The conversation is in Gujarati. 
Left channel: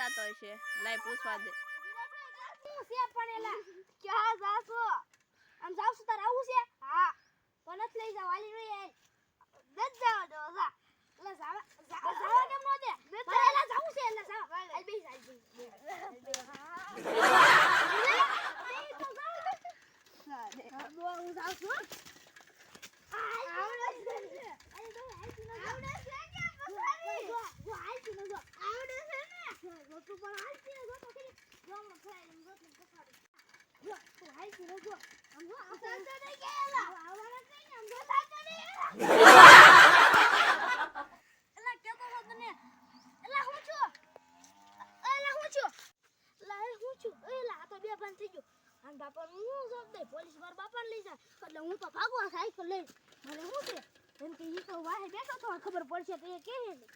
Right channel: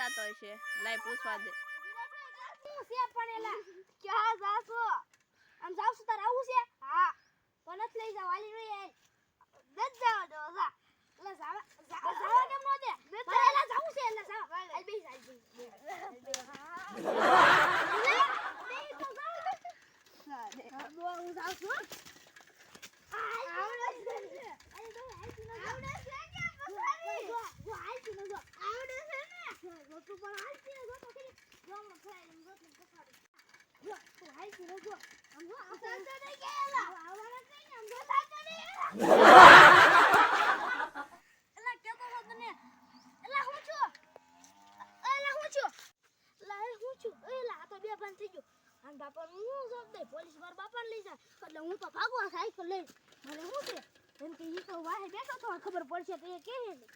જાતો હશે લાઈ પૂછવા દે હું છે પણ એલા ક્યાં જાસો આમ જાવ છું તાર આવું છે હા તો નથી લઈ જાવ હાલી રહી આય દત જાવ દો જા એટલે જાવા કેમ નો દે મારે એલા જાવું છે એટલે જાવ હાલ બેસ હાલ બેસ હું જાવ છું આવડે છે અરે તો આવડે છે કે પસારી જો હાલ છે ને જો આવડે છે ને જો તું પણ હાલ છે જો તો કે જો મને ખાઈ જો તું પસારી જો તું હાલ છે જો આમ જો આ સાચો નહીં ગયેલા આવવાના કઈ ને આમ જો સાચો નહીં એલા કેતો છો તને એલા હું છું એલા તો બે ભાન થઈ ગયો અને બાપા હું જોબ દે પોલીસ માર બાપાને લઈ જાય એટલે હું તો ભાગવા સાયકલ લઈ મને શું છે એમ કે ઈ તો વાહે બેઠો તો ખબર પડશે તો એ કહે ને